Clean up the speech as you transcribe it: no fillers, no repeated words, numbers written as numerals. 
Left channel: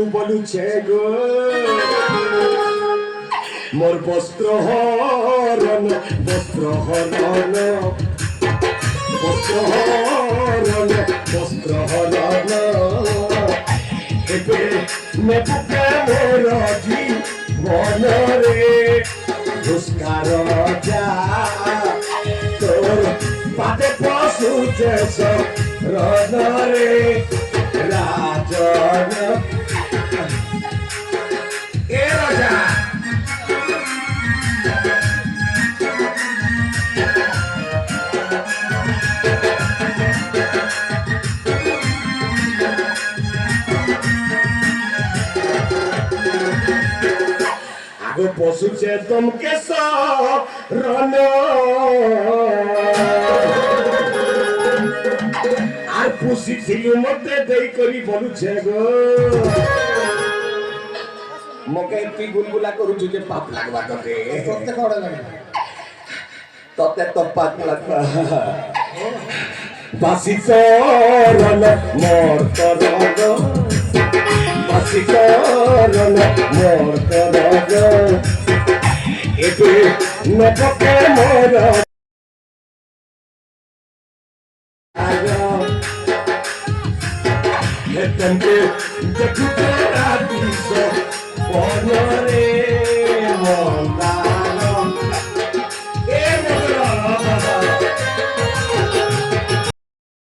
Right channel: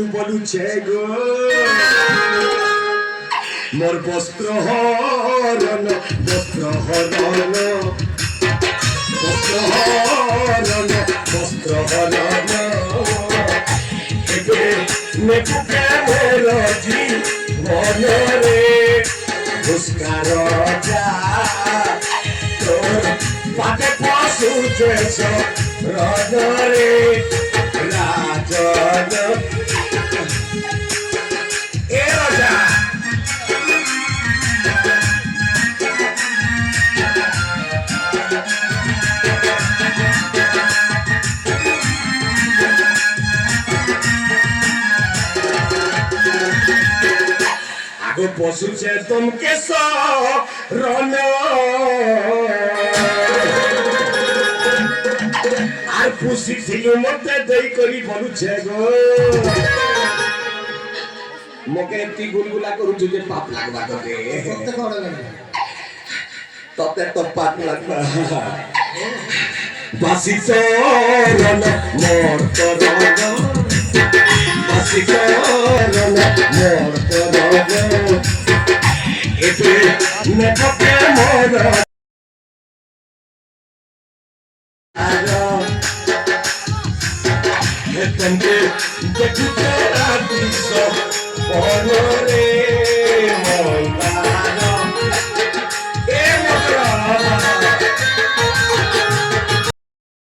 বলু বলুছে গো মোর বস্ত্র হরণ বস্ত্র হরণ বস্ত্র হরণ বস্ত্র হরণ এবে নেপুকে মোর জীবনরে পুষ্কার যা তোর পাতে পশুছেছ রণরে রাজন এ রাজা আগে পশুছে তোমকে রণ আর পুষিছিল মধ্যে দেই করি বলুছে গো মকে এমতি গুলগুলা করুছু যে পাপ লাগবা তোকে তোতে তো পাপ লাগবা বাসি চরণ মোর তরণ বাসি চরণ মোর তরণ এবে নপকে মোর Thank you.